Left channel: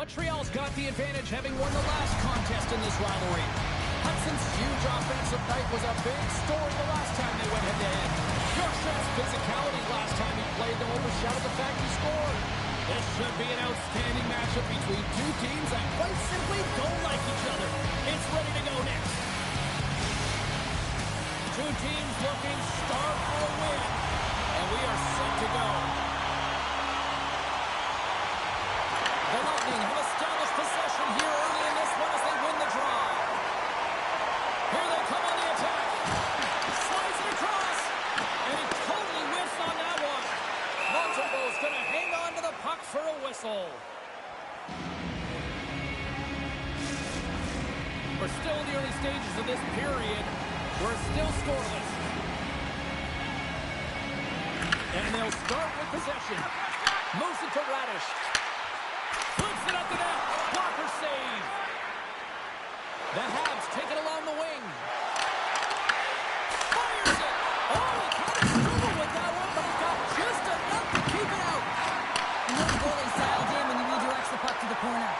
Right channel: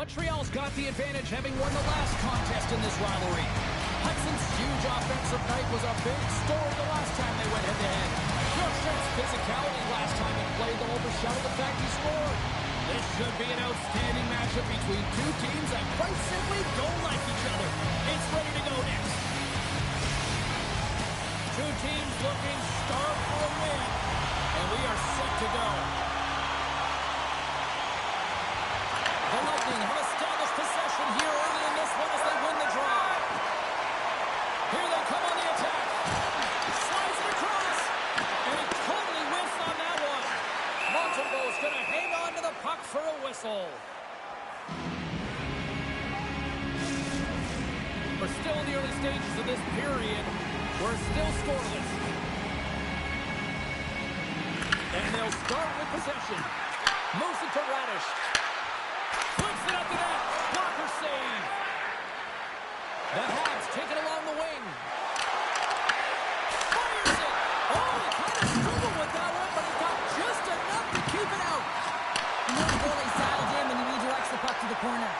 Montreal's got the advantage, having won the last contest in this rivalry. Hudson's huge offensive night was a big story the last time they went head-to-head. Bjorkstrand's physicality last time he played them overshadowed the fact he scored. This should be an outstanding matchup between two teams that quite simply don't like each other. It's ready to go next. Two teams looking stark for a win, and we are set to go. The Lightning have established possession here early in this one as they win the draw. Here they come on the attack. Slides it across, and he totally whiffs on that one. Montembeau's going to hang on to the puck for a whistle. We're still in the early stages of this period. We're still scoreless. And they'll start with possession. Moves it to Radish. Flips it up the net. Blocker save. The Habs take it along the wing. Fires it. Oh, he kind of struggled with that one, but he got just enough to keep it out. And the goalie sailed in when he redirects the puck to the corner.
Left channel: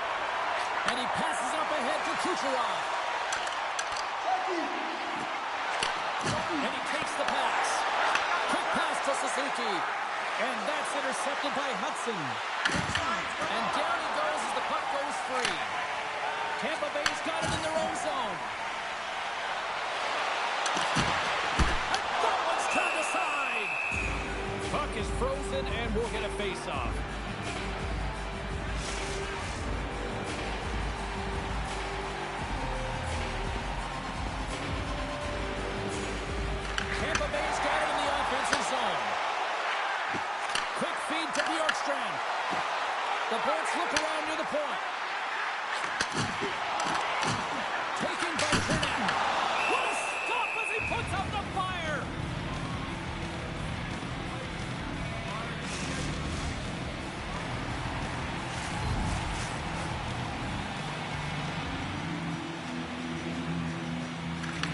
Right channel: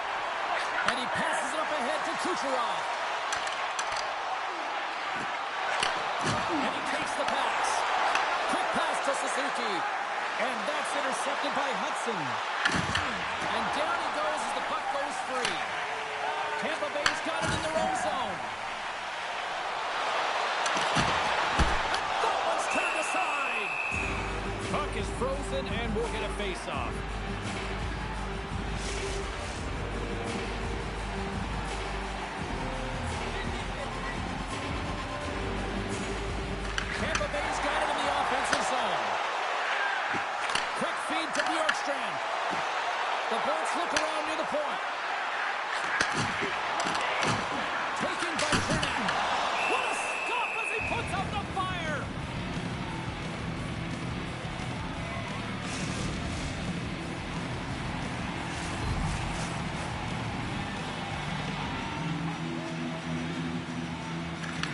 And he passes it up ahead to Kucherov. And he takes the pass. Quick pass to Suzuki. And that's intercepted by Hudson. And down he goes as the puck goes free. Tampa Bay's got it in their own zone. And that one's turned aside. Puck is frozen and we'll get a face-off. Tampa Bay's got it in the offensive zone. Quick feed to Bjorkstrand. The Bolts look around near the point. Taken by Trinidad. What a stop as he puts out the fire!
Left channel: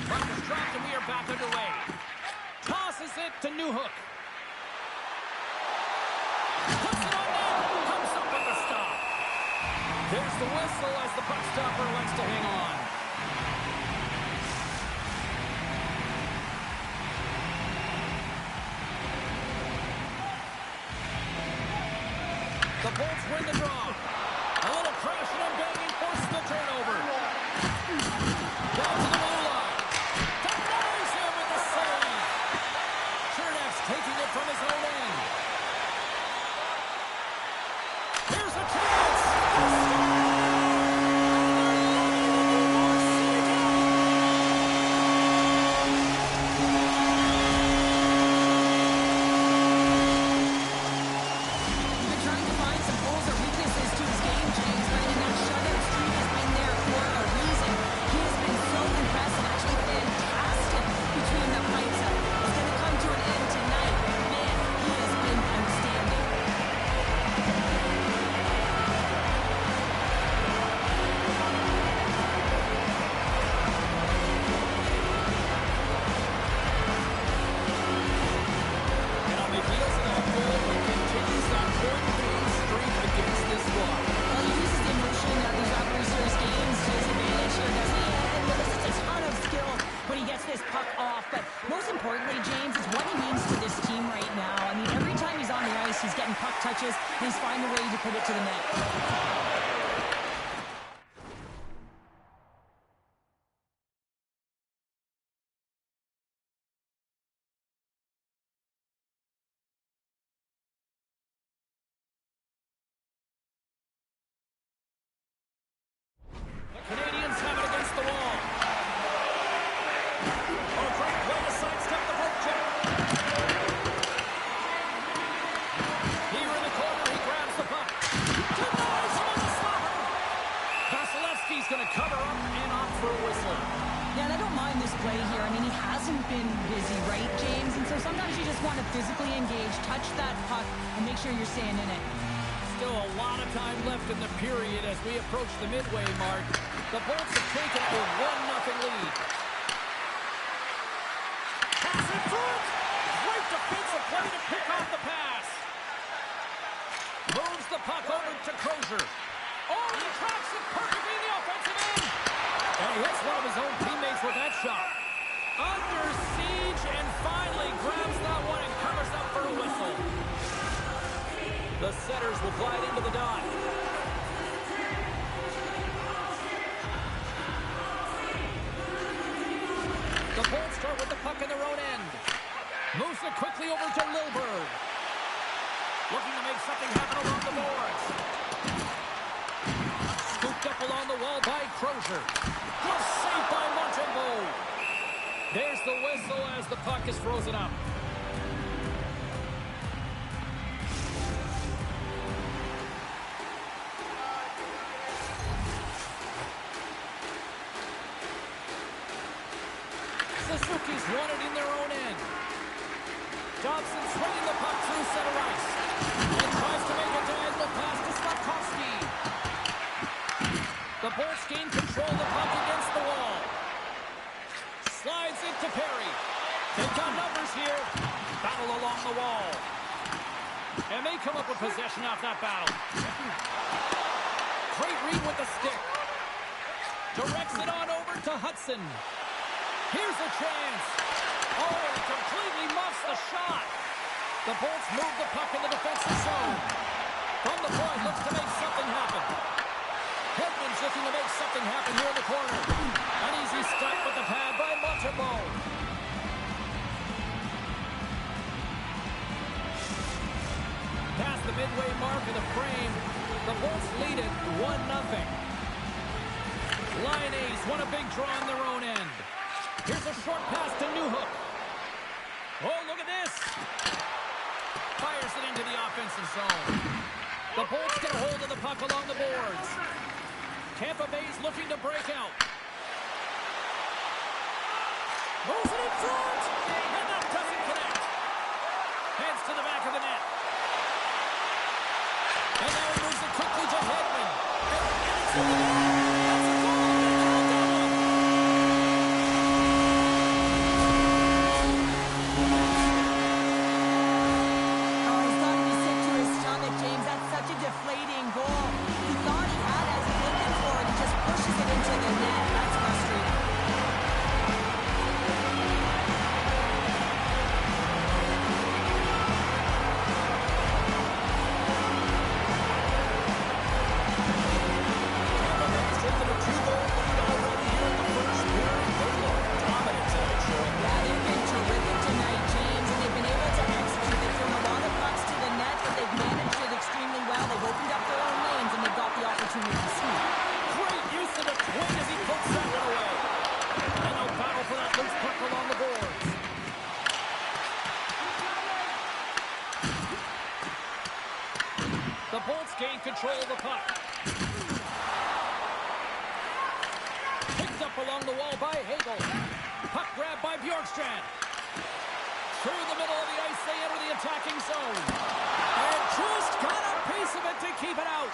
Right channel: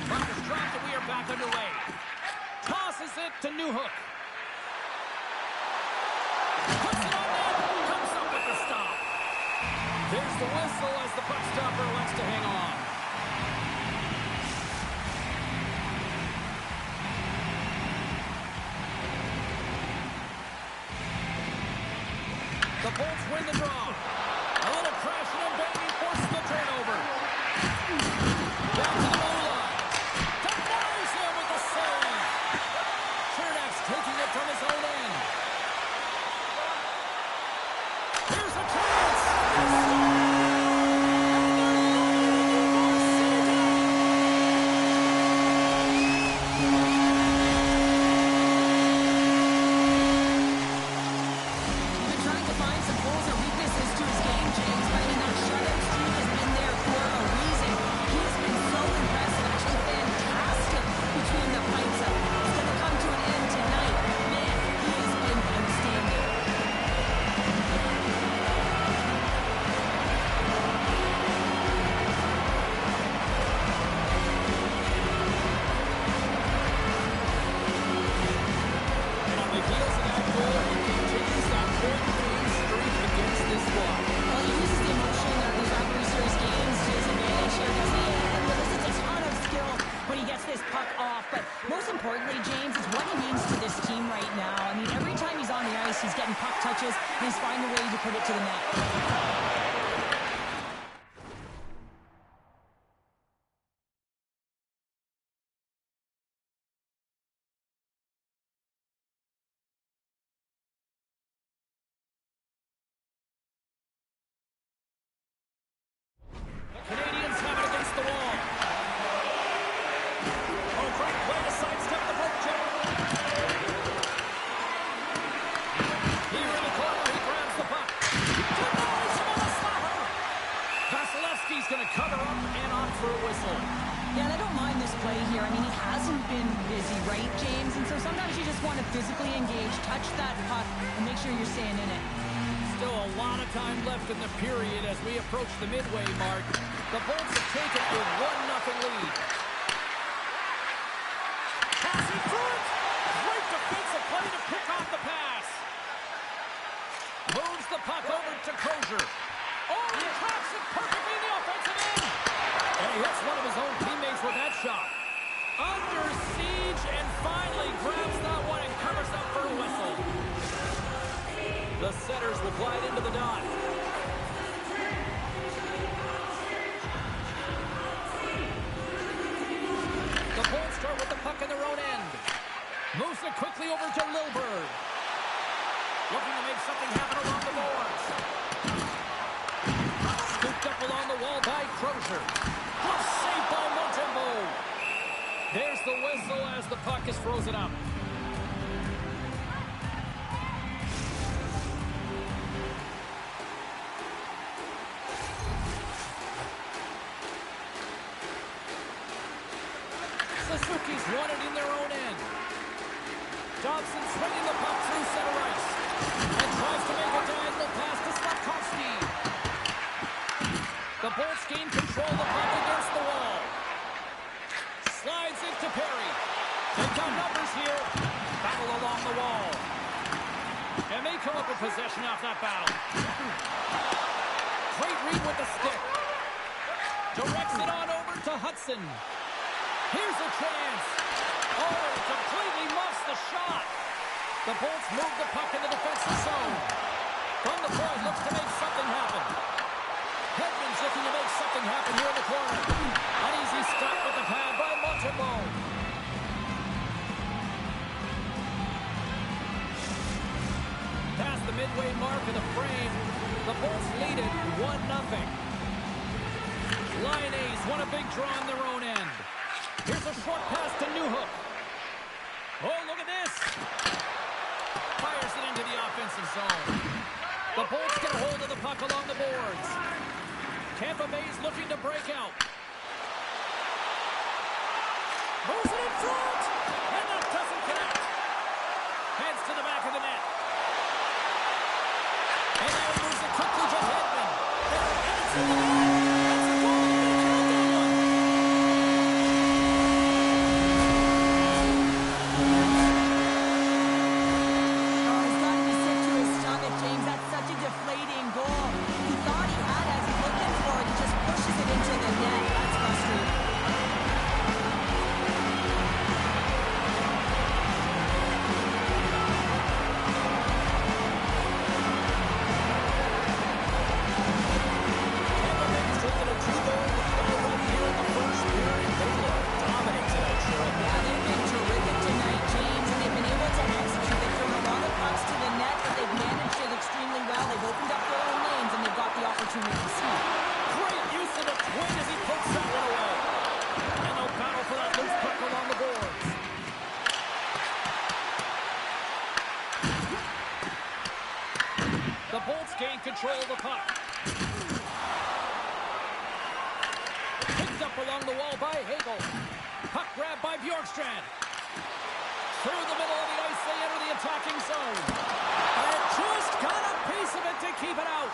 Puck is dropped and we are back underway. Tosses it to Newhook. Puts it on net. Comes up with the stop. There's the whistle as the puck stopper elects to hang on. The Bolts win the draw. A little crashing and banging forces the turnover. Back to the goal line. Denies him with the save. Chernak's taking it from his own end. Here's a chance. He's been trying to find some holes or weaknesses to his game, James, but I mean, that shutout streak has been there for a reason. He has been so impressive, actually fantastic between the pipes. It's going to come to an end tonight. Man, he has been outstanding. And on the heels of that goal, he continues that 4-game streak against this squad. Well, he uses the emotion of these rivalry series games to his advantage here, doesn't he? And elicits a ton of skill when he gets this puck off. But most importantly, James, is what he means to this team right now. I mean, every time he's on the ice, he's getting puck touches, and he's finding a way to put it to the net. The Canadiens have it against the wall. Oh, great play to sidestep the poke check. Here in the corner, he grabs the puck. Denies him on the slapper. Vasilevsky's going to cover up and opt for a whistle. Yeah, and I don't mind this play here. I mean, he hasn't been busy, right, James? And so sometimes you just want to physically engage, touch that puck, and make sure you're staying in it. Still a lot of time left in the period as we approach the midway mark. The Bolts have taken a 1-0 lead. Pass in front! Great defensive play to pick off the pass. Moves the puck over to Crozier. Oh, he tracks it perfectly in the offensive end. And he hits one of his own teammates with that shot. Under siege and finally grabs that one and covers up for a whistle. The setters will glide into the dot. The Bulls start with the puck in their own end. Moves it quickly over to Lilburn. Looking to make something happen along the boards. Scooped up along the wall by Crozier. Glove saved by Montembeault. There's the whistle as the puck is frozen up. Suzuki's won it in their own end. Dobson swinging the puck through center ice. And tries to make a diagonal pass to Slavkovsky. The Bolts gain control of the puck against the wall. Slides into Perry. They've got numbers here. Battle along the wall. And they come up with possession off that battle. Great read with the stick. Directs it on over to Hudson. Here's a chance. Oh, he completely muffs the shot. The Bolts move the puck in the defensive zone. From the point, looks to make something happen. Hedman's looking to make something happen here in the corner. An easy stop with the pad by Montembeault. Past the midway mark of the frame, the Bolts lead it 1-0. Line A's won a big draw on their own end. Here's a short pass to Newhook. Oh, look at this. Fires it into the offensive zone. The Bolts get a hold of the puck along the boards. Tampa Bay's looking to break out. Moves it in front. And that doesn't connect. Heads to the back of the net. And now he moves it quickly to Hedman. And it's in the net. That's a goal. They're going to count that one. Oh, he's got to be sick to his stomach, James. That's such a deflating goal. He thought he had as he's looking for it. He just pushes it into the net. That's frustrating. The Bolts gain control of the puck. Picked up along the wall by Hagel. Puck grabbed by Bjorkstrand. Through the middle of the ice, they enter the attacking zone. And just got a piece of it to keep it out.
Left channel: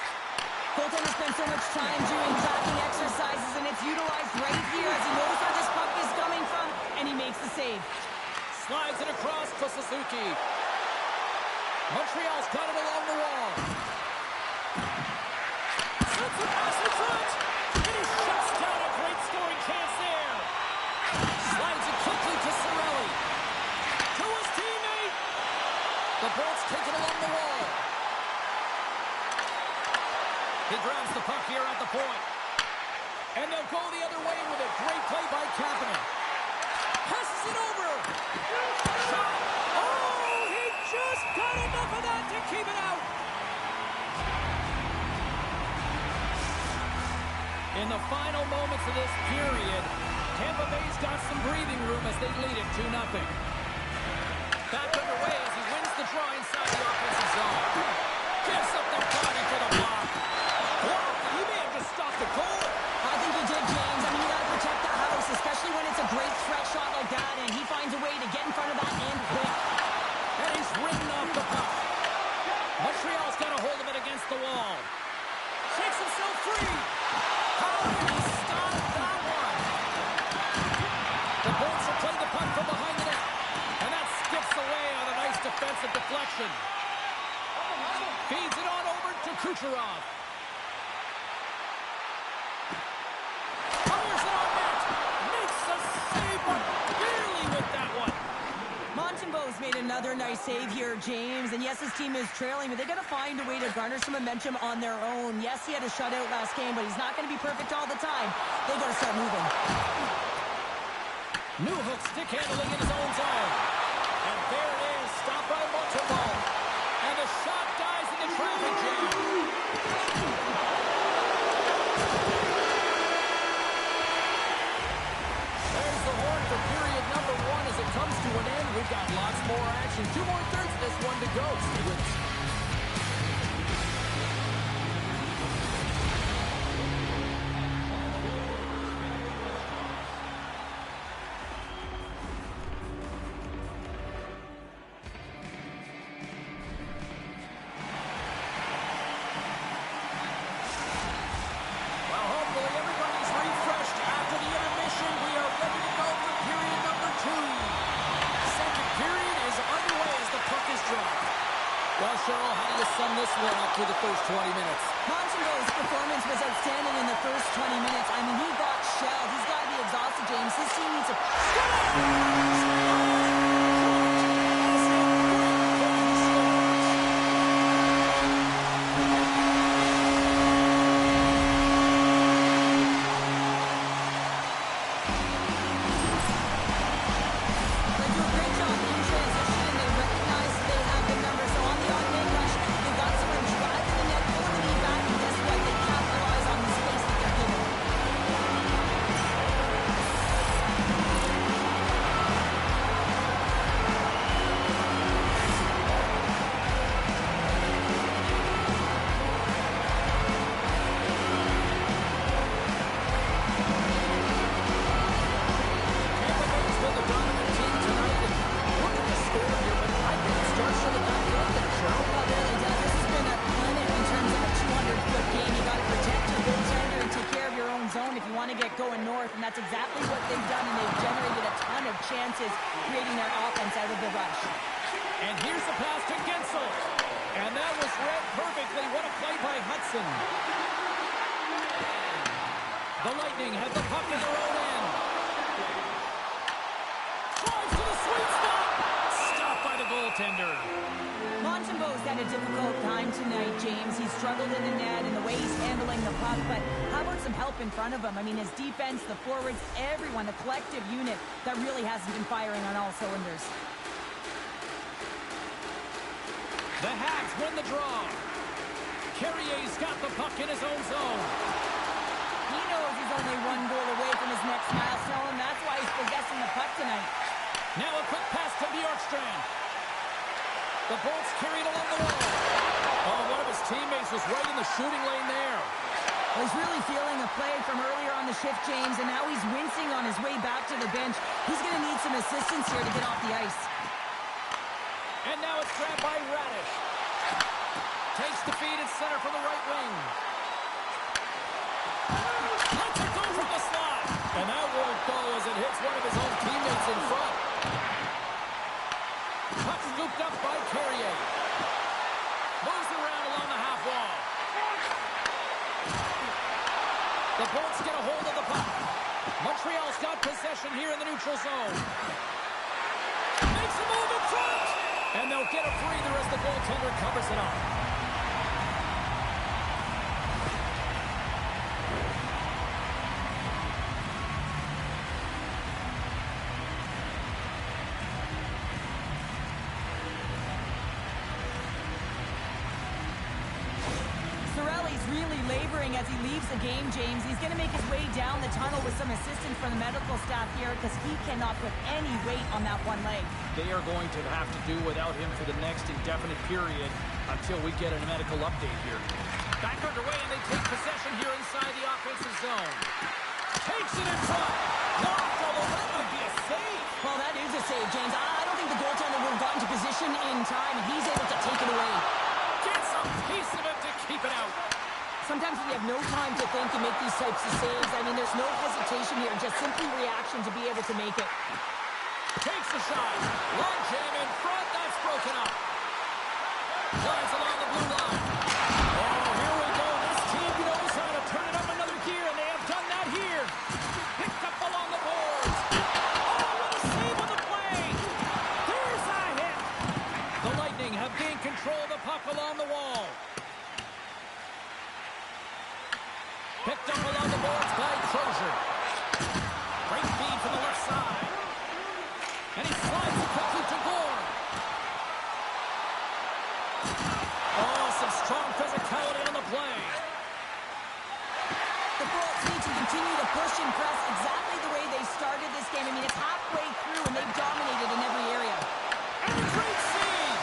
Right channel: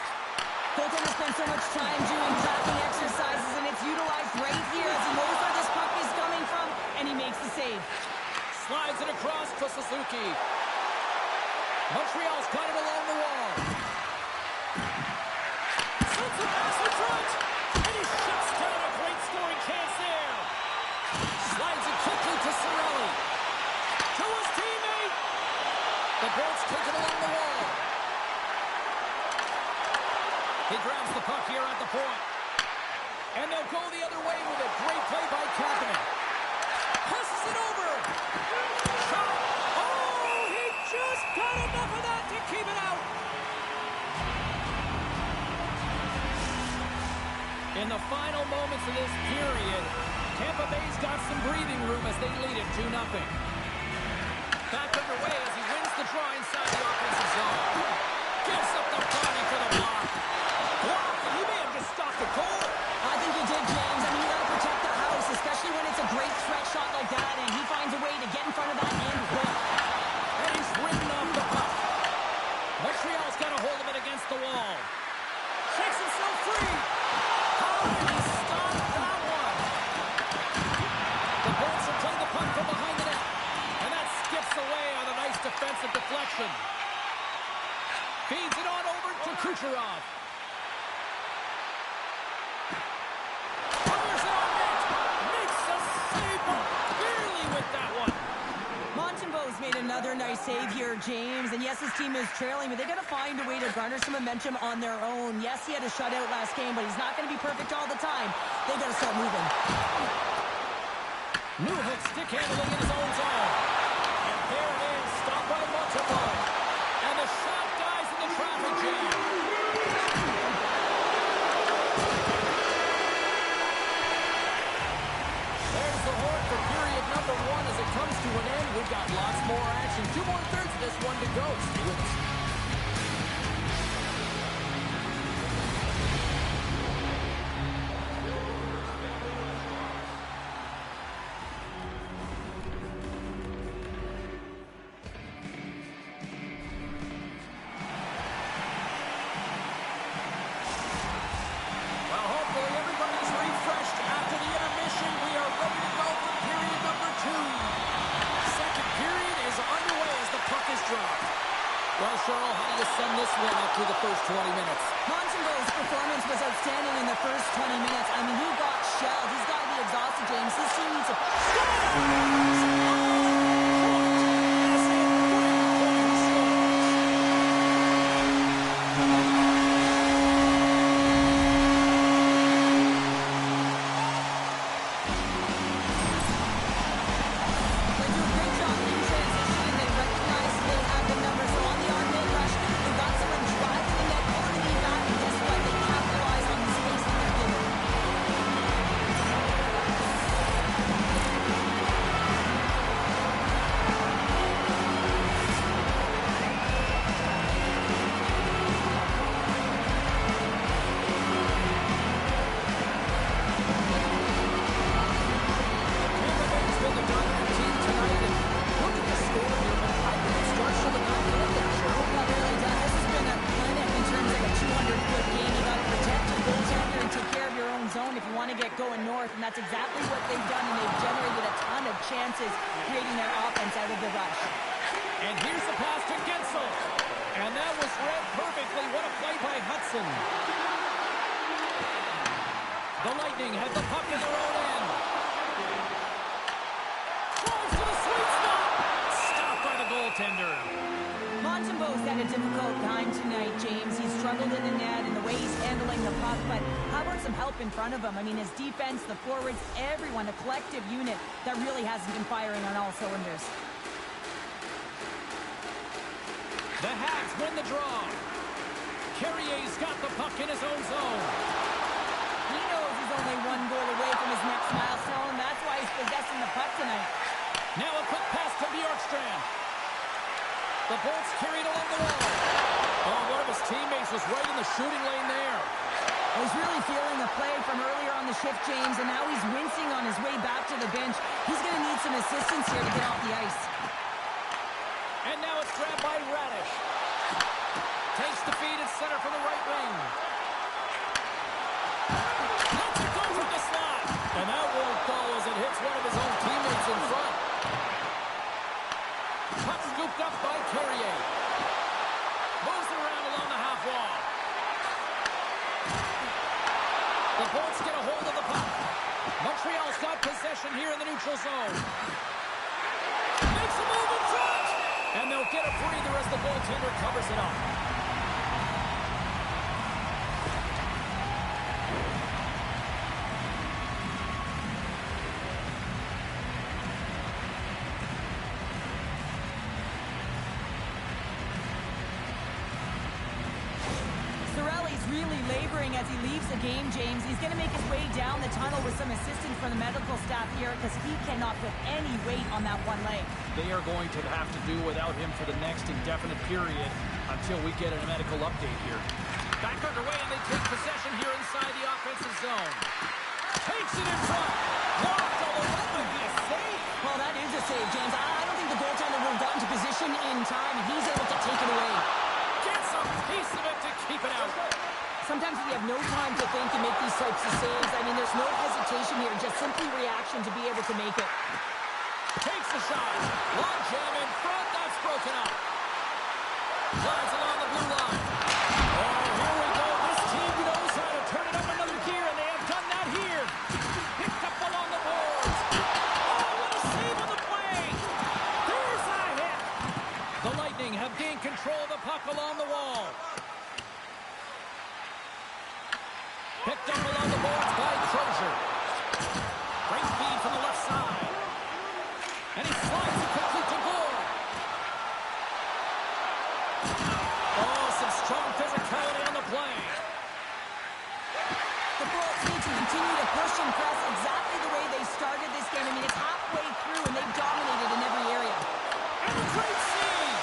Goaltender spends so much time doing tracking exercises, and it's utilized right here as he knows where this puck is coming from, and he makes the save. Slides it across to Suzuki. Montreal's got it along the wall. Sends a pass in front, and he shuts down a great scoring chance there. Slides it quickly to Cirelli. To his teammate. The Bolts take it along the wall. He grabs the puck here at the point. And they'll go the other way with it. Great play by Kapanen. Passes it over. Shot. Oh, he just got enough of that to keep it out. In the final moments of this period, Tampa Bay's got some breathing room as they lead it 2-0. Back underway as he wins the draw inside the offensive zone. Gives up the body for the block. Block. He may have just stopped a goal. I think he did, James. I mean, you got to protect the house, especially when it's a great threat shot like that, and he finds a way to get in front of that and quick. And he's ridden off the puck. Montreal's got a hold of it against the wall. Shakes himself free. How did he stop that one? The Bolts will play the puck from behind the net. And that skips away on a nice defensive deflection. Feeds it on over to Kucherov. save, but barely with that one. Montembeault's made another nice save here, James. And yes, his team is trailing, but they got to find a way to garner some momentum on their own. Yes, he had a shutout last game, but he's not going to be perfect all the time. They got to start moving. Newhook stick handling in his own zone. And there it is, stopped by Montembeault. And the shot dies in the traffic jam. There's the horn for period number 1 as it comes to an end. We've got lots more action. 2 more thirds of this one to go. Stay with us. Well, hopefully everybody's refreshed after the intermission. We are ready to go for period number 2. Second period is underway as the puck is dropped. Well, Cheryl, how do you sum this one up through the first 20 minutes? Montembeault's performance was outstanding in the first 20 minutes. I mean, he got shelled. He's got to be exhausted, James. His team needs to score! And that's exactly what they've done, and they've generated a ton of chances creating their offense out of the rush. And here's the pass to Gensel. And that was read perfectly. What a play by Hudson. The Lightning have the puck in their own end. Drives to the sweet spot. Stopped by the goaltender. Montembeault's had a difficult time tonight, James. He's struggled in the net and the way he's handling the puck, but how about some help in front of him? I mean, his defense, the forwards, everyone, a collective unit that really hasn't been firing on all cylinders. The Habs win the draw. Carrier's got the puck in his own zone. He knows he's only one goal away from his next milestone. That's why he's possessing the puck tonight. Now a quick pass to Bjorkstrand. The Bolts carried along the wall. Oh, one of his teammates was right in the shooting lane there. Well, he's really feeling a play from earlier on the shift, James, and now he's wincing on his way back to the bench. He's going to need some assistance here to get off the ice. And now it's grabbed by Radish. Takes the feed at center from the right wing. Lets it go from the slot. And that won't go as it hits one of his own teammates in front. Puck scooped up by Carrier. Moves around along the half wall. The Bolts get a hold of the puck. Montreal's got possession here in the neutral zone. Makes a move in front. And they'll get a breather as the goaltender covers it up. Really laboring as he leaves the game, James. He's going to make his way down the tunnel with some assistance from the medical staff here because he cannot put any weight on that one leg. They are going to have to do without him for the next indefinite period until we get a medical update here. Back underway, and they take possession here inside the offensive zone. Takes it in front. Blocked, although that might be a save. Well, that is a save, James. I don't think the goaltender would have gotten to position in time, and he's able to take it away. Gets a piece of it to keep it out. Sometimes when you have no time to think, you make these types of saves. I mean, there's no hesitation here, just simply reaction to be able to make it. Takes the shot. Long jam in front. That's broken up. Flies along the blue line. Oh, here we go. This team knows how to turn it up another gear, and they have done that here. Picked up along the boards. puck along the wall. Picked up along the boards by Crozier. Great feed from the left side. And he slides it quickly to Gore. Oh, some strong physicality on the play. The Bolts need to continue to push and press exactly the way they started this game. I mean, it's halfway through, and they've dominated in every area. And a great save!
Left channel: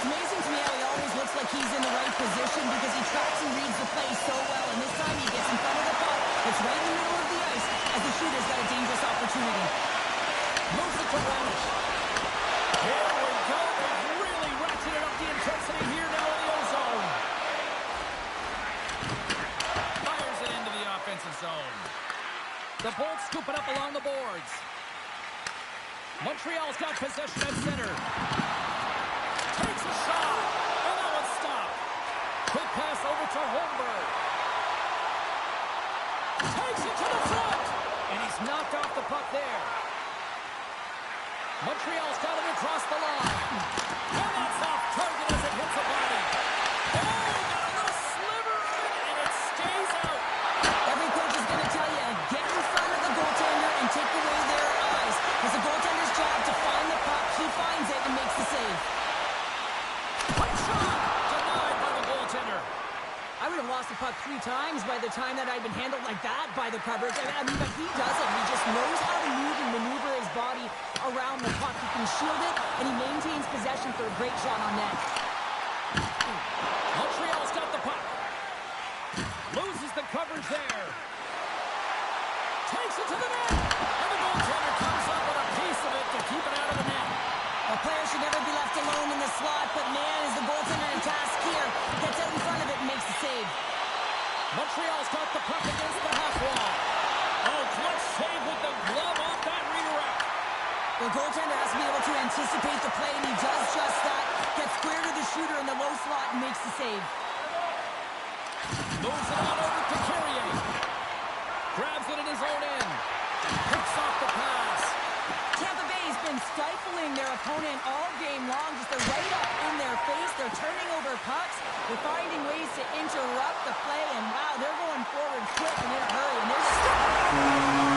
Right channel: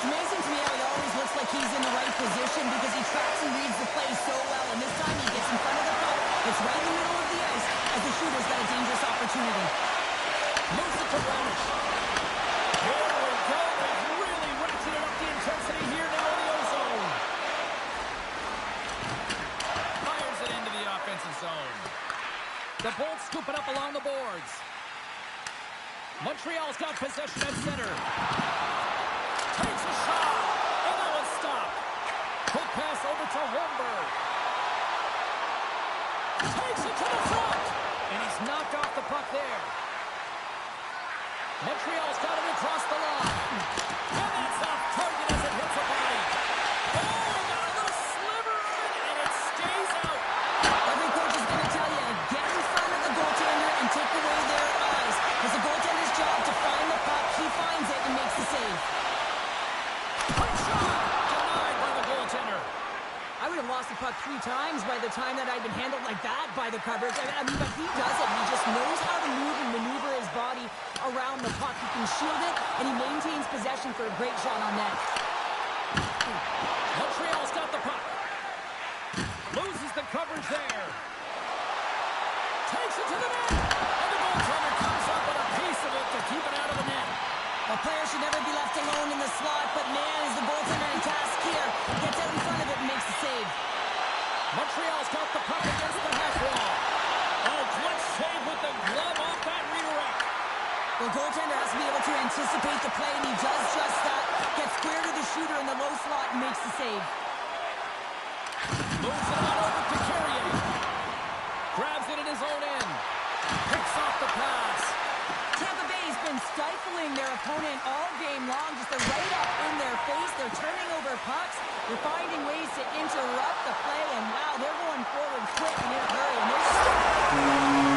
It's amazing to me how he always looks like he's in the right position because he tracks and reads the play so well, and this time he gets in front of the puck. It's right in the middle of the ice as the shooter's got a dangerous opportunity. Moves it to Radish. Here we go. They've really ratcheted up the intensity here now in the O-zone. Fires it into the offensive zone. The Bolts scoop it up along the boards. Montreal's got possession at center. Takes a shot. And that one's stopped. Quick pass over to Holmberg. Takes it to the front. And he's knocked off the puck there. Montreal's got it across the line. And that's off target as it hits a body. Oh, he got a little sliver of it, and it stays out. Every coach is going to tell you, get in front of the goaltender and take away their eyes. It's the goaltender's job to find the puck. He finds it and makes the save. Quick shot! Denied by the goaltender. I would have lost the puck 3 times by the time that I'd been handled like that by the coverage. I mean, but he doesn't. He just knows how to move and maneuver his body around the puck. He can shield it, and he maintains possession for a great shot on net. Montreal's got the puck. Loses the coverage there. Takes it to the net. And the goaltender comes up with a piece of it to keep it out of the net. A player should never be left alone in the slot, but man, is the goaltender in task here. Gets out in front of it and makes the save. Montreal's got the puck against the half wall. Oh, clutch save with the glove off that redirect. The goaltender has to be able to anticipate the play, and he does just that. Gets square to the shooter in the low slot and makes the save. Moves it on over to Carrier. Grabs it in his own end. Picks off the pass. Tampa Bay's been stifling their opponent all game long. Just they're right up in their face. They're turning over pucks. They're finding ways to interrupt the play. And wow, they're going forward quick and in a hurry. And they're just...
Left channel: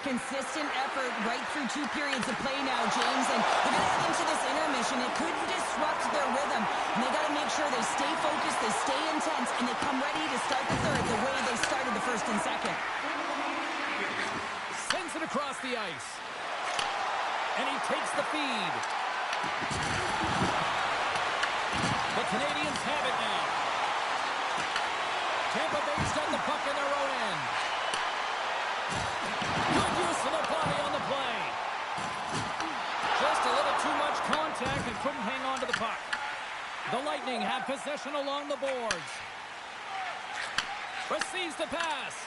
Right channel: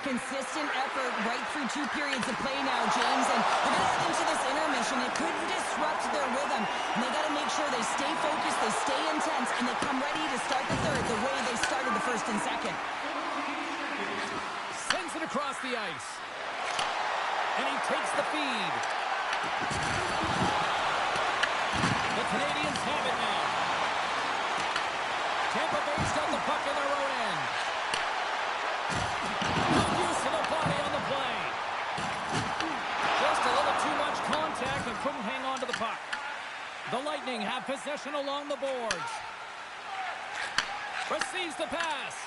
consistent effort right through 2 periods of play now, James, and they're going to head into this intermission. It could disrupt their rhythm, and they got to make sure they stay focused, they stay intense, and they come ready to start the third the way they started the first and second. Sends it across the ice, and he takes the feed. The Canadiens have it now. Tampa Bay's got the puck in their own end. Good use of the body on the play. Just a little too much contact and couldn't hang on to the puck. The Lightning have possession along the boards. Receives the pass.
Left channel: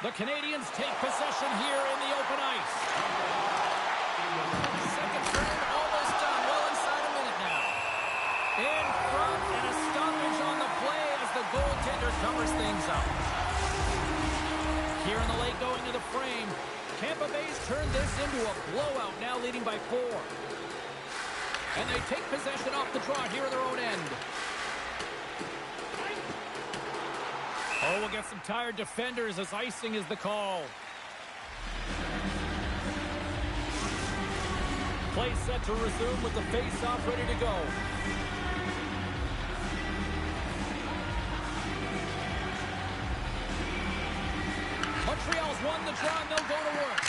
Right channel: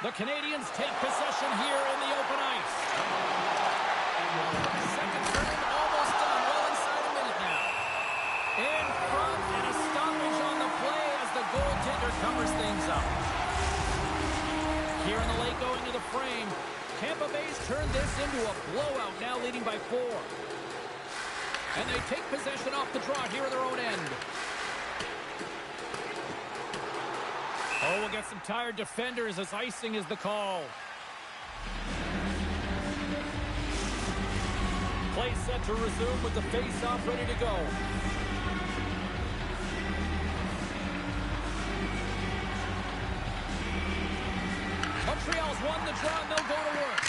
The Canadiens take possession here in the open ice. Second frame almost done. Well inside a minute now. In front and a stoppage on the play as the goaltender covers things up. Here in the late going of the frame, Tampa Bay's turned this into a blowout, now leading by 4. And they take possession off the draw here in their own end. Oh, we'll get some tired defenders as icing is the call. Play set to resume with the face-off ready to go. Montreal's won the draw, and they'll go to work.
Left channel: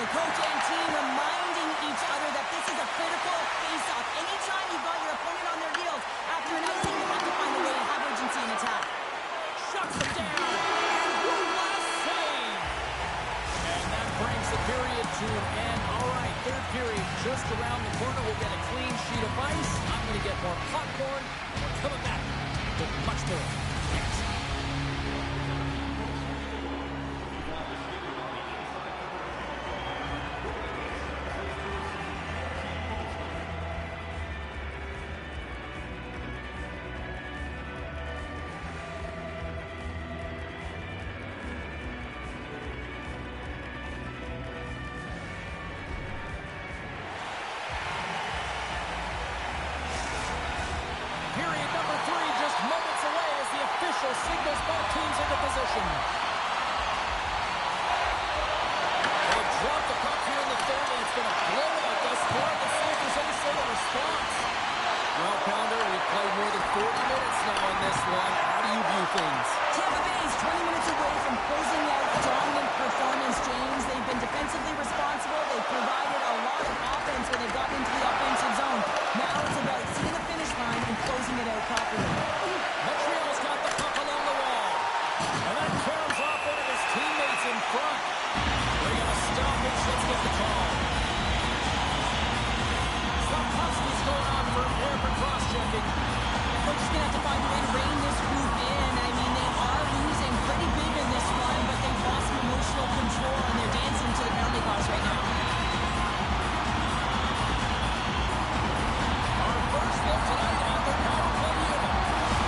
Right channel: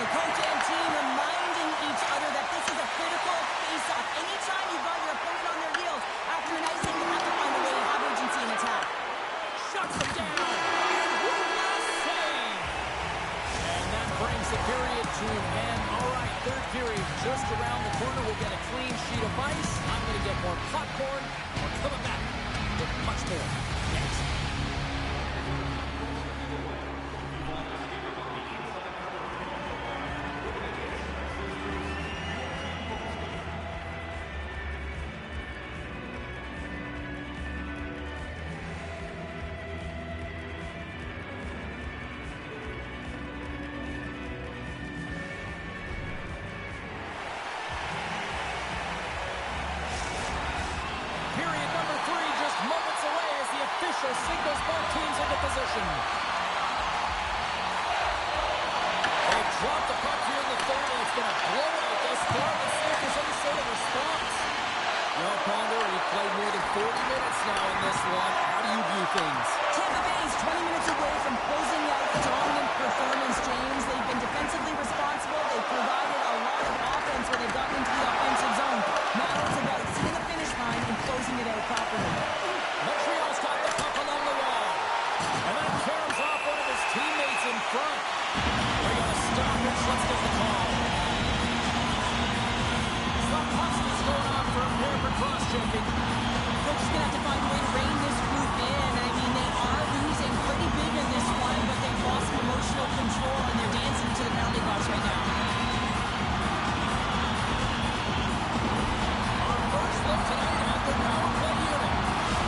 The coach and team reminding each other that this is a critical face-off. Anytime you've got your opponent on their heels after an icing, you have to find a way to have urgency in attack. Shuts them down. And one last save. And that brings the period to an end. All right, third period just around the corner. We'll get a clean sheet of ice. I'm going to get more popcorn, and we're coming back with much more next. Period number 3 just moments away as the official signals both teams into position. They drop the puck here in the third, and it's been a blowout thus far. Let's see if there's any sort of response. Well, Pounder, we've played more than 40 minutes now in this one. How do you view things? Tampa Bay is 20 minutes away from closing out a dominant performance, James. They've been defensively responsible. They've provided a lot of offense when they've gotten into the offensive zone. Now it's about seeing the finish line and closing it out properly. Montreal's got the puck along the wall. And that caroms off one of his teammates in front. We're going to stop it. Let's get the call. Slafkovsky's going on for a pair for cross-checking. Coach is going to have to find a way to rein this group in. I mean, they are losing pretty big in this one, but they've lost some emotional control, and they're dancing to the penalty box right now. Our first look tonight at their power play unit.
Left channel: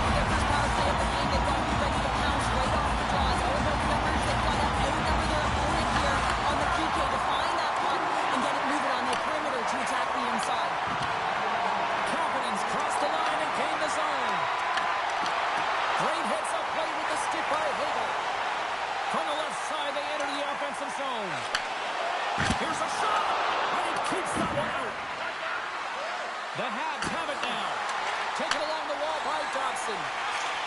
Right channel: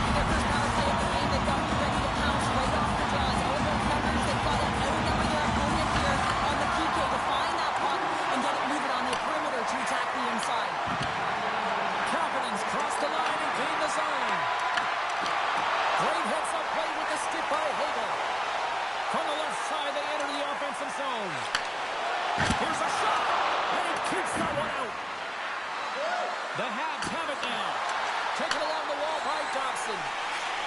In their first power play of the game, they've got to be ready to pounce right off the draws. All about the numbers, they've got to outnumber their opponent here on the PK to find that puck and get it moving on the perimeter to attack the inside. Confidence crossed the line and gained the zone. Great heads-up play with the stick by Hagel. From the left side, they enter the offensive zone. Here's a shot, and he keeps that one out. The Habs have it now. Taken along the wall by Dobson.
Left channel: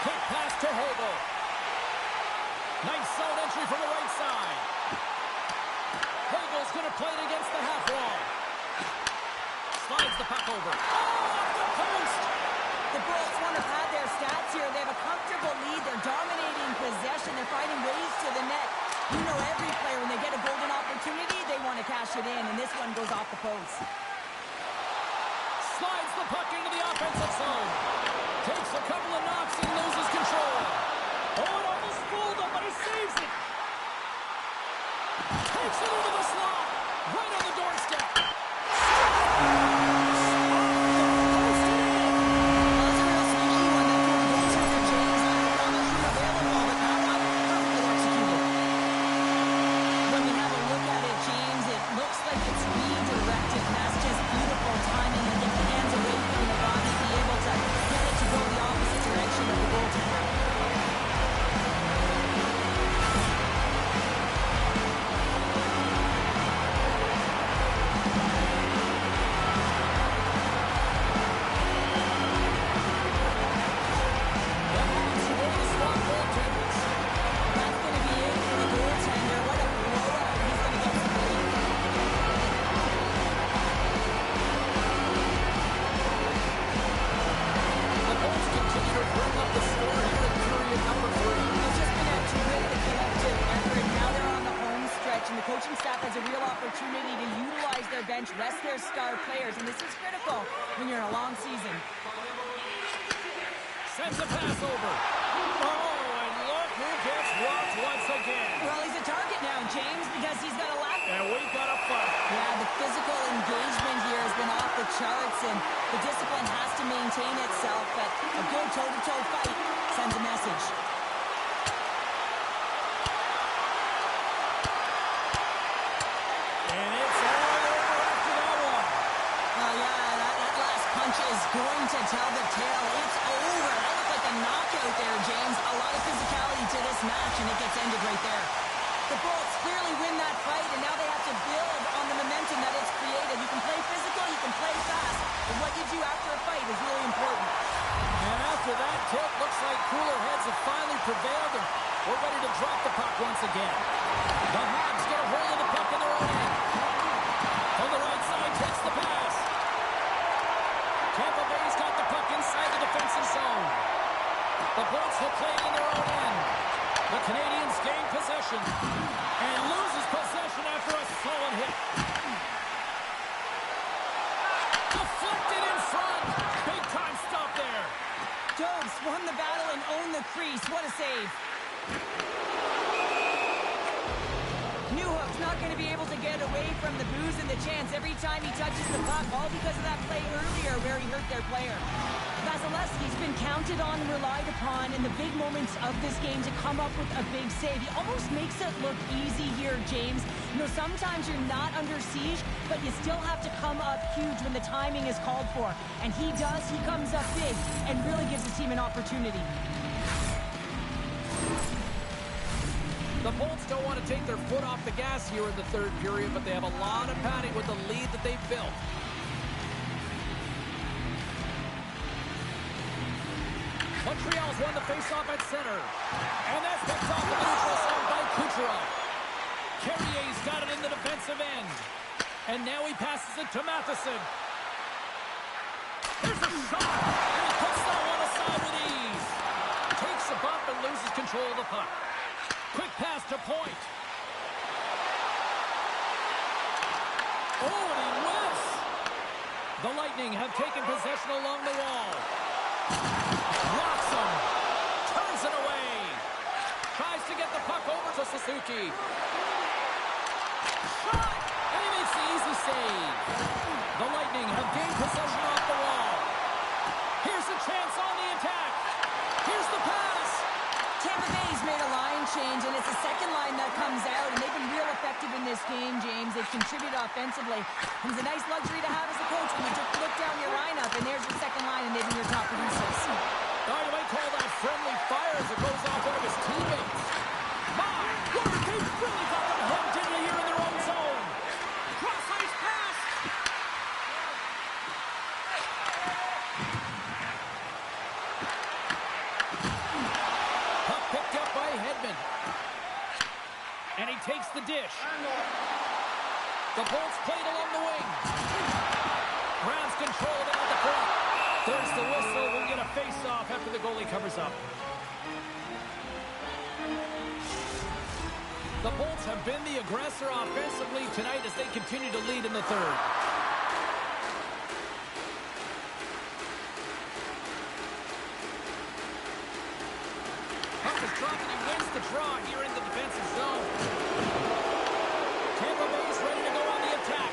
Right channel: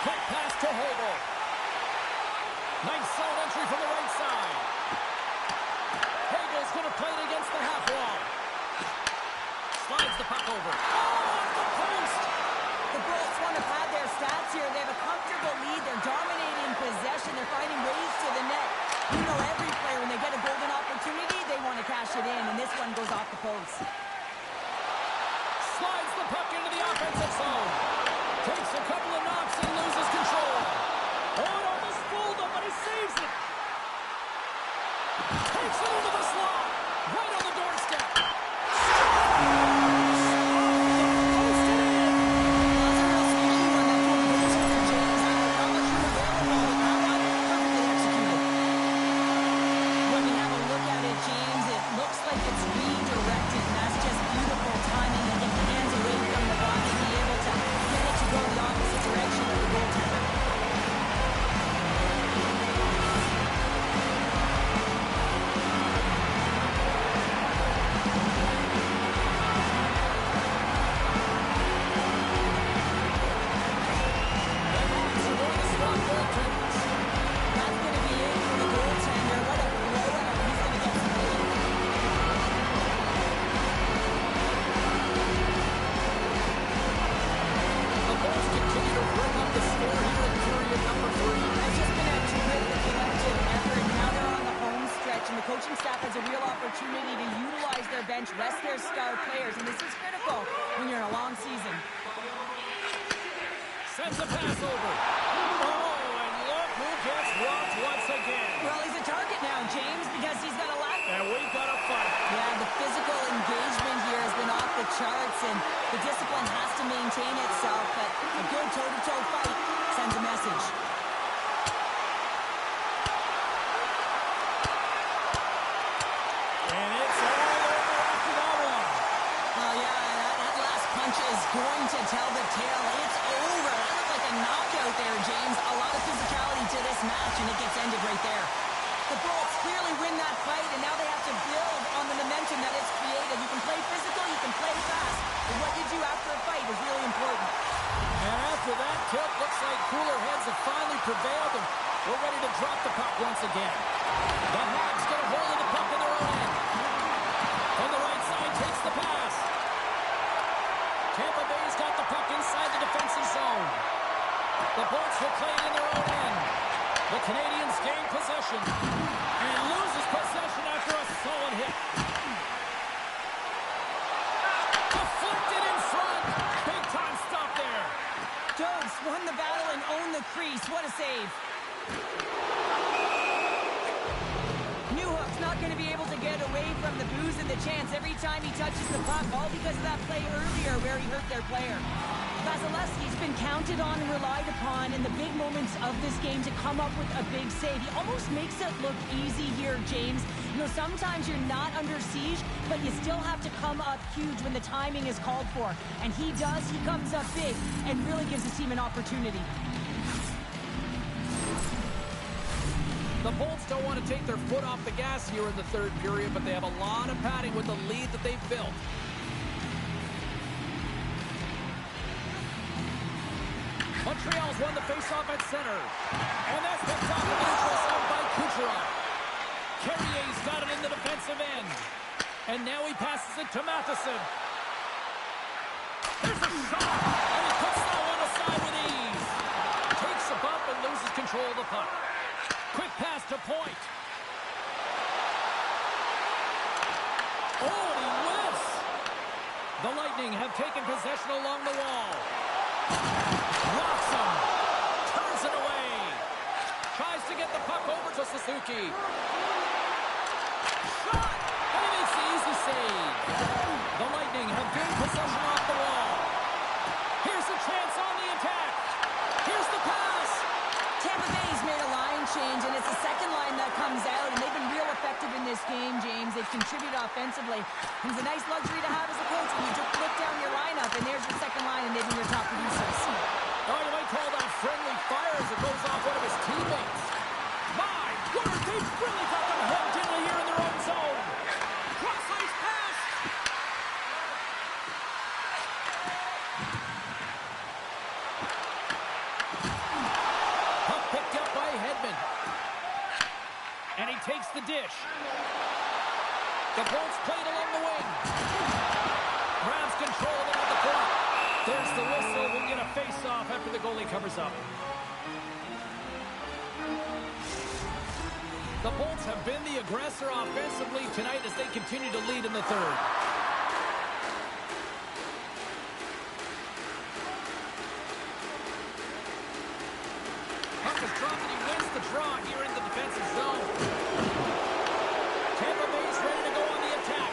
Quick pass to Hagel. Nice zone entry from the right side. Hagel's going to play it against the half wall. Slides the puck over. Oh, off the post! The Bolts want to pad their stats here. They have a comfortable lead. They're dominating possession. They're finding ways to the net. You know every player, when they get a golden opportunity, they want to cash it in, and this one goes off the post. Slides the puck into the offensive zone. Takes a couple of knocks and loses control. Oh, it almost fooled him, but he saves it. Takes it into the slot. Right on the doorstep. James, it looks like it's redirected, and that's just beautiful timing and get the hands away from the body, be able to get it to go the opposite direction of the goaltender. That's going to be it for the goaltender. What a blowout. He's going to get some relief. The Bolts continue to bring up the score here in period number 3. It's just been a terrific collective effort. Now they're on the home stretch, and the coaching staff has a real opportunity to utilize their bench, rest their star players, and this is critical when you're in a long season. Sends a pass over. Oh, and look who gets rocked once again. Well, he's a target now, James, because he's got a lap. And we've got a fight. Yeah, the physical engagement here has been off the charts, and the discipline has to maintain itself, but a good toe-to-toe fight sends a message. And it's all over after that one. Oh, yeah, that last punch is going to tell the tale. It's over. That looked like a knockout there, James. A lot of physicality to this match, and it gets ended right there. The Bolts clearly win that fight, and now they have to build on the momentum that it's created. You can play physical, you can play fast, but what you do after a fight is really important. And after that tilt, looks like cooler heads have finally prevailed, and We're ready to drop the puck once again. The Habs get a hold of the puck in their own end. On the right side, takes the pass. Tampa Bay's got the puck inside the defensive zone. The Bolts will play it in their own end. The Canadiens gain possession and loses possession after a solid hit. Deflected in front. Big time stop there. Dobes won the battle and owned the crease. What a save. Newhook's not going to be able to get away from the booze and the chance every time he touches the puck, all because of that play earlier where he hurt their player. Vasilevsky's been counted on and relied upon in the big moments of this game to come up with a big save. He almost makes it look easy here, James. You know, sometimes you're not under siege, but you still have to come up huge when the timing is called for. And he does. He comes up big and really gives his team an opportunity. The Bolts don't want to take their foot off the gas here in the third period, but they have a lot of padding with the lead that they've built. Montreal's won the faceoff at center. And that's picked off the neutral zone by Kucherov. Carrier's got it in the defensive end. And now he passes it to Matheson. There's a shot, and he puts that one aside with ease. Takes a bump and loses control of the puck. Quick pass to Point. Oh, and he whiffs. The Lightning have taken possession along the wall. Blocks him. Turns it away. Tries to get the puck over to Suzuki. Shot! And he makes the easy save. The Lightning have gained possession off the wall. Here's a chance on the attack. Here's the pass. Tampa Bay's made a line change, and it's the second line that comes out, and they've been real effective in this game, James. They've contributed offensively. And it's a nice luxury to have as a coach when you just look down your lineup, and there's your second line, and they've been your top producers. Oh, you might call that friendly fire as it goes off one of his teammates. My word, they've really got them hemmed in here in their own zone. Cross-ice pass. Puck picked up by Hedman. And he takes the dish. The Bolts played along the wing. Grabs control of it at the point. There's the whistle. We'll get a face-off after the goalie covers up. The Bolts have been the aggressor offensively tonight as they continue to lead in the third. Puck is dropped and he wins the draw here in the defensive zone. Tampa Bay's ready to go on the attack.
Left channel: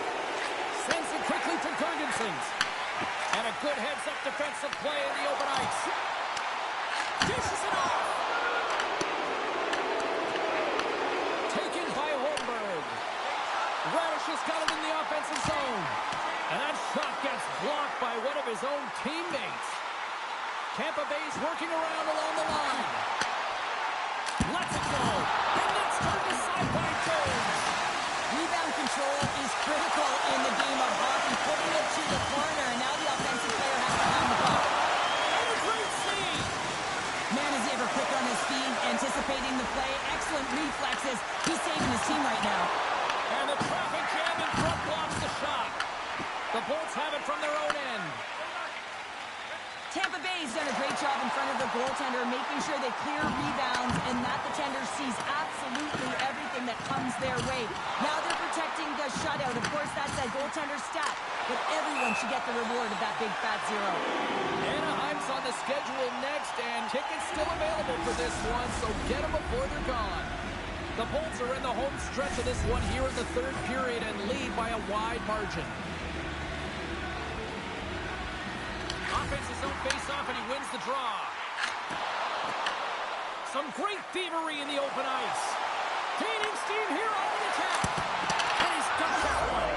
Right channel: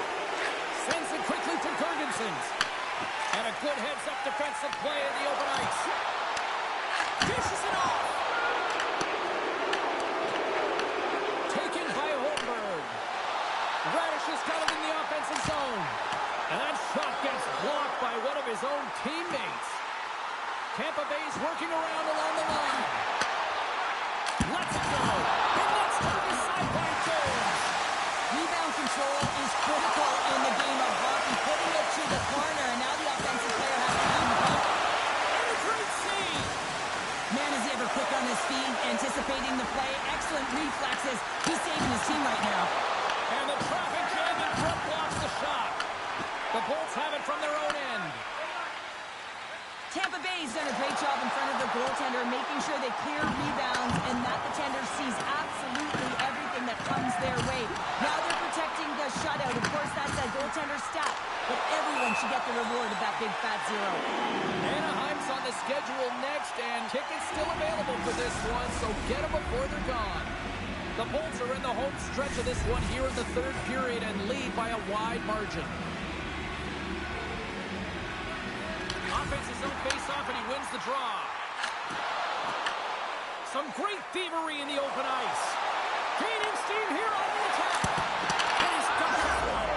Sends it quickly to Gergensons. And a good heads-up defensive play in the open ice. Dishes it off. Taken by Holmberg. Radish has got it in the offensive zone. And that shot gets blocked by one of his own teammates. Tampa Bay's working around along the line. Lets it go. And that's turned aside by Jones. Rebound control is critical in the game of hockey. Putting it to the corner, and now the offensive player has to pound the puck. And a great save. Man, is he ever quick on his feet, anticipating the play. Excellent reflexes. He's saving his team right now. And the traffic jam in front blocks the shot. The Bolts have it from their own end. Tampa Bay's done a great job in front of the goaltender, making sure they clear rebounds and that the tender sees absolutely everything that comes their way. Now they're protecting the shutout. Of course, that's a goaltender stat, but everyone should get the reward of that big fat zero. Anaheim's on the schedule next, and tickets still available for this one, so get them before they're gone. The Bolts are in the home stretch of this one here in the third period and lead by a wide margin. Offense his own face-off, and he wins the draw. Some great thievery in the open ice. Gaining steam here on the attack. And he's got that one.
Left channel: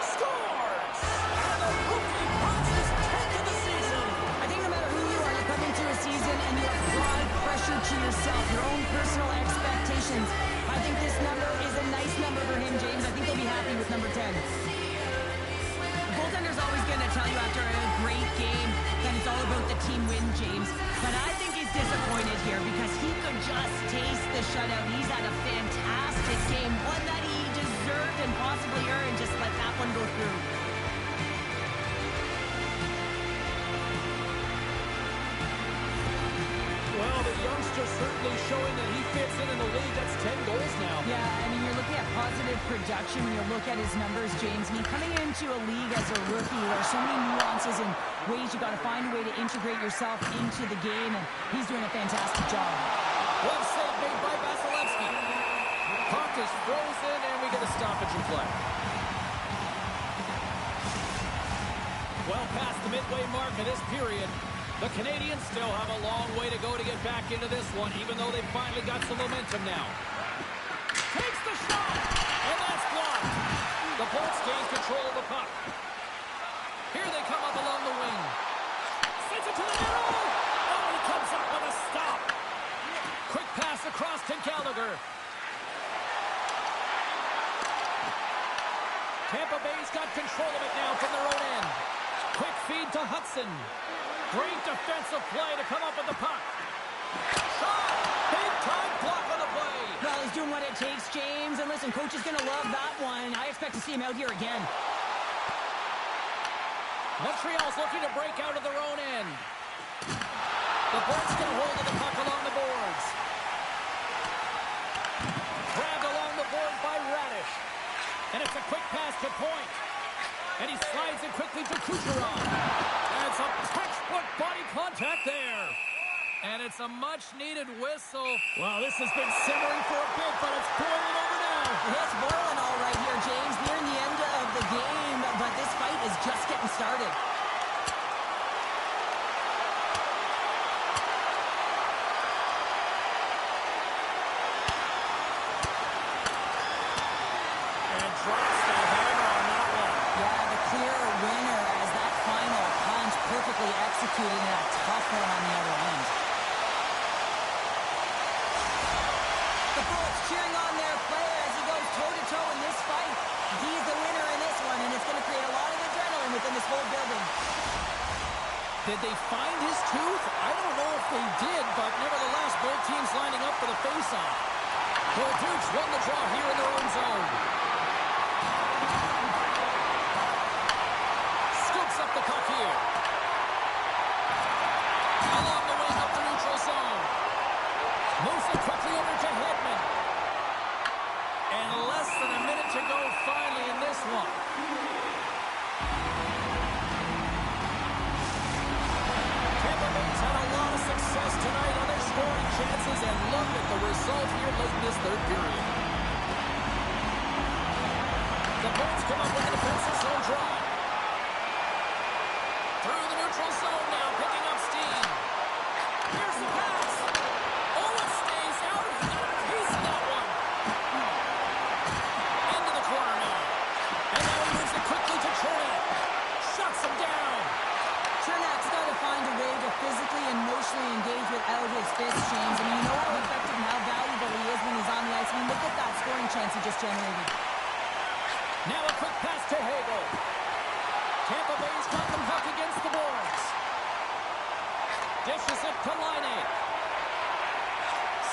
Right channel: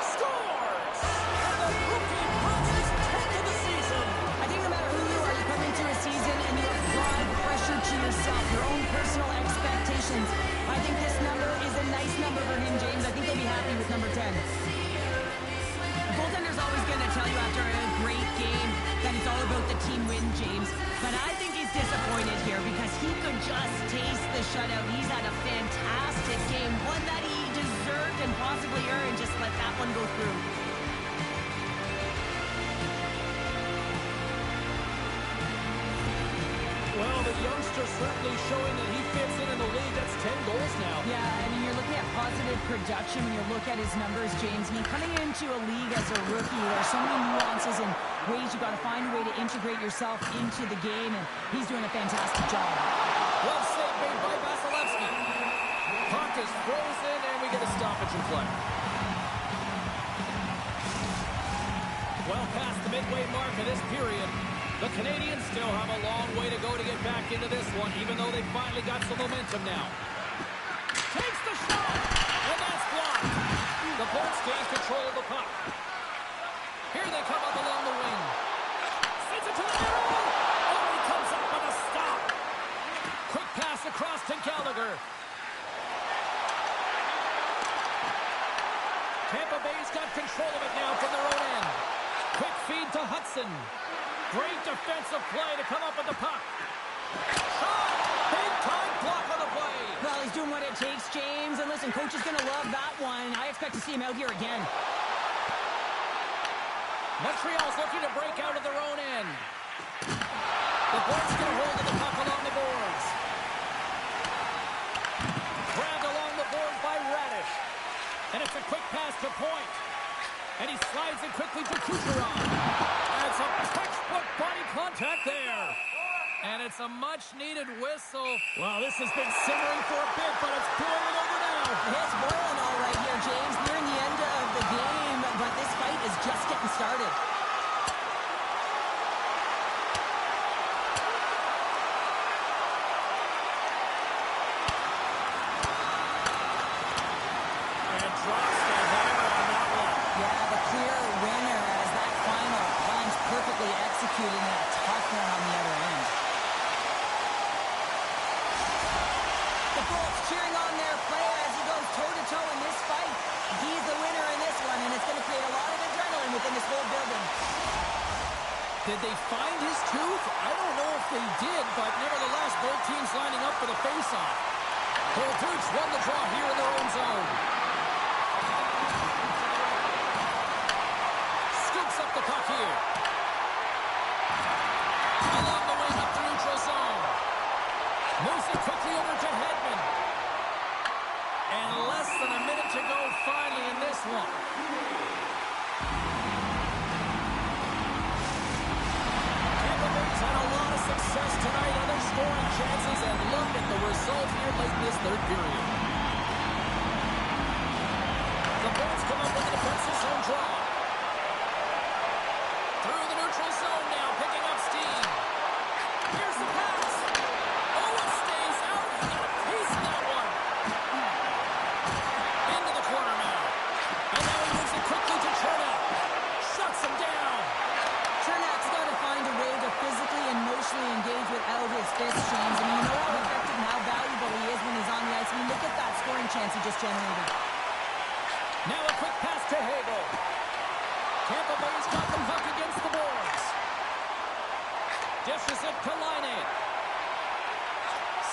Scores! And the rookie puts his 10th of the season. I think no matter who you are, you come into a season and you apply pressure to yourself, your own personal expectations. I think this number is a nice number for him, James. I think he'll be happy with number 10. The goaltender's always going to tell you after a great game that it's all about the team win, James. But I think he's disappointed disappointed here because he could just taste the shutout. He's had a fantastic game, one that he deserved and possibly earned. Just let that one go through. Well, the youngster certainly showing that he fits in the league. That's 10 goals now. Yeah, I mean, you're looking at positive production when you look at his numbers, James. I mean, coming into a league as a rookie, there's so many nuances and ways you got to find a way to integrate yourself into the game, and he's doing a fantastic job. Glove save made by Vasilevsky. Puck is frozen, and we get a stoppage in play. Well past the midway mark of this period. The Canadiens still have a long way to go to get back into this one, even though they finally got some momentum now. Takes the shot, and that's blocked. The Bolts gain control of the puck. Here they come up along the wing. Sends it to the middle. Oh, he comes up with a stop. Quick pass across to Gallagher. Tampa Bay's got control of it now from their own end. Quick feed to Hudson. Great defensive play to come up with the puck. Shot! Big time block on the play. Well, he's doing what it takes, James. And listen, coach is going to love that one. I expect to see him out here again. Montreal's looking to break out of their own end. The Bolts get a hold of the puck along the boards. Grabbed along the boards by Radish. And it's a quick pass to Point. And he slides it quickly to Kucherov. And some textbook body contact there. And it's a much-needed whistle. Wow, this has been simmering for a bit, but it's boiling over now. It's boiling all right here, James. Nearing the end of the game, but this fight is just getting started. And drops the hammer on that one. Yeah, the clear winner as that final punch perfectly executed in a tough one on the other end. The Bolts cheering on their player as he goes toe-to-toe in this fight. He's the winner in this one, and it's going to create a lot of adrenaline within this whole building. Did they find his tooth? I don't know if they did, but nevertheless, both teams lining up for the face-off. Both Dukes won the draw here in their own zone. Scoops up the puck here. Along the wing up the neutral zone. Moves it quickly over to Hedman. And less than a minute to go finally in this one. Tampa Bay's had a lot of success tonight on their scoring chances, and look at the result here late in this third period. The Bolts come up with a defensive zone draw. Through the neutral zone now, picking up steam. Here's the pass. Oh, it stays out. He got a piece of that one. Into the corner now. And now he moves it quickly to Chernak. Shuts him down. Chernak's got to find a way to physically and emotionally engage without his fists, James. I mean, you know how effective and how valuable he is when he's on the ice. I mean, look at that scoring chance he just generated. Now a quick pass to Hagel. Tampa Bay's got the puck against the boards. Dishes it to Laine.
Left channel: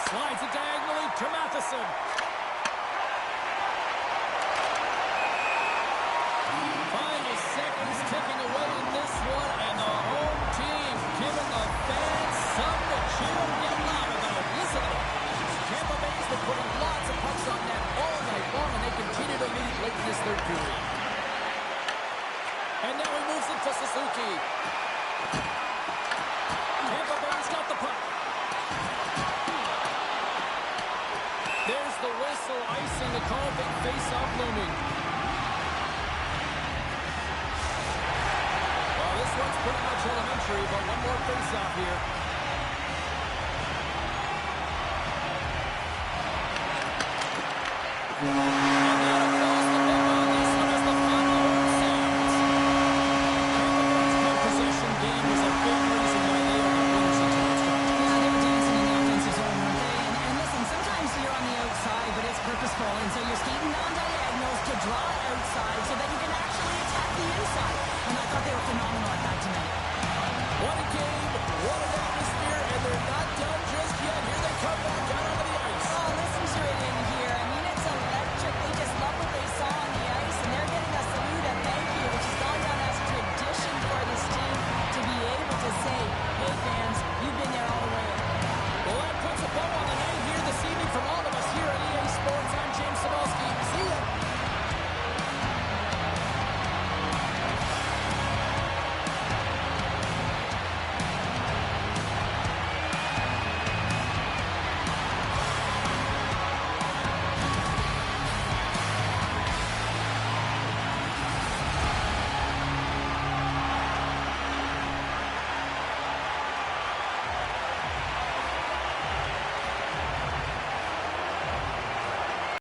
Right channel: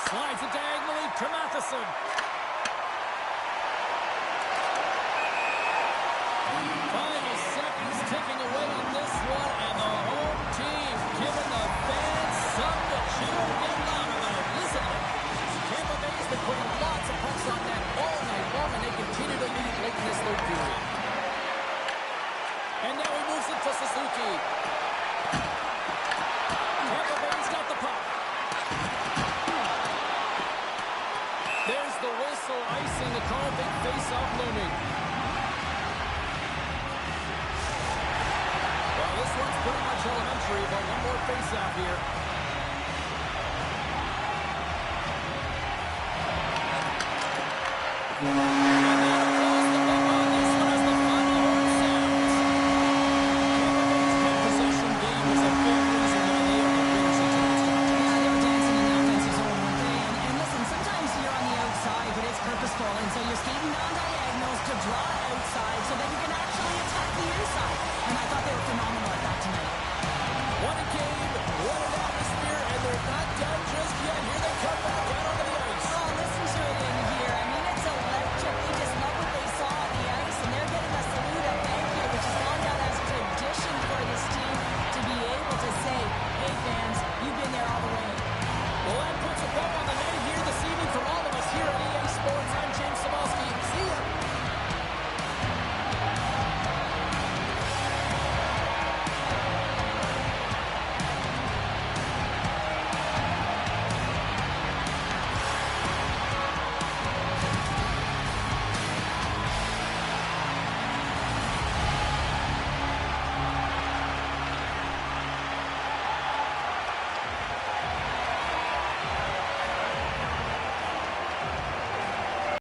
Slides it diagonally to Matheson. Final seconds ticking away in this one, and the home team giving the fans something to cheer and get loud about. Listen to them. Tampa Bay's been putting lots of pucks on net all night long, and they continue to lead late in this third period. And now he moves it to Suzuki. Tampa Bay's got the puck. There's the whistle, icing the call, big face-off looming. Well, this one's pretty much elementary, but one more face-off here. And that applause the book on this one as the final horn sounds. Tampa Bay's good possession game was a big reason why they are the winners in tonight's contest. Yeah, they were dancing in the offensive zone, weren't they? And listen, sometimes you're on the outside, but it's purposeful. And so you're skating down diagonals to draw outside so that you can actually attack the inside. And I thought they were phenomenal at that tonight. What a game. What an atmosphere, and they're not done just yet. Here they come back out onto the ice. Oh, listen to it in here. I mean, it's electric. They just love what they saw on the ice, and they're getting a salute, a thank you, which has gone down as tradition for this team to be able to say, hey, fans, you've been there all the way. Well, that puts a bow on the night here this evening from all of us here at EA Sports. I'm James Cybulski. See ya.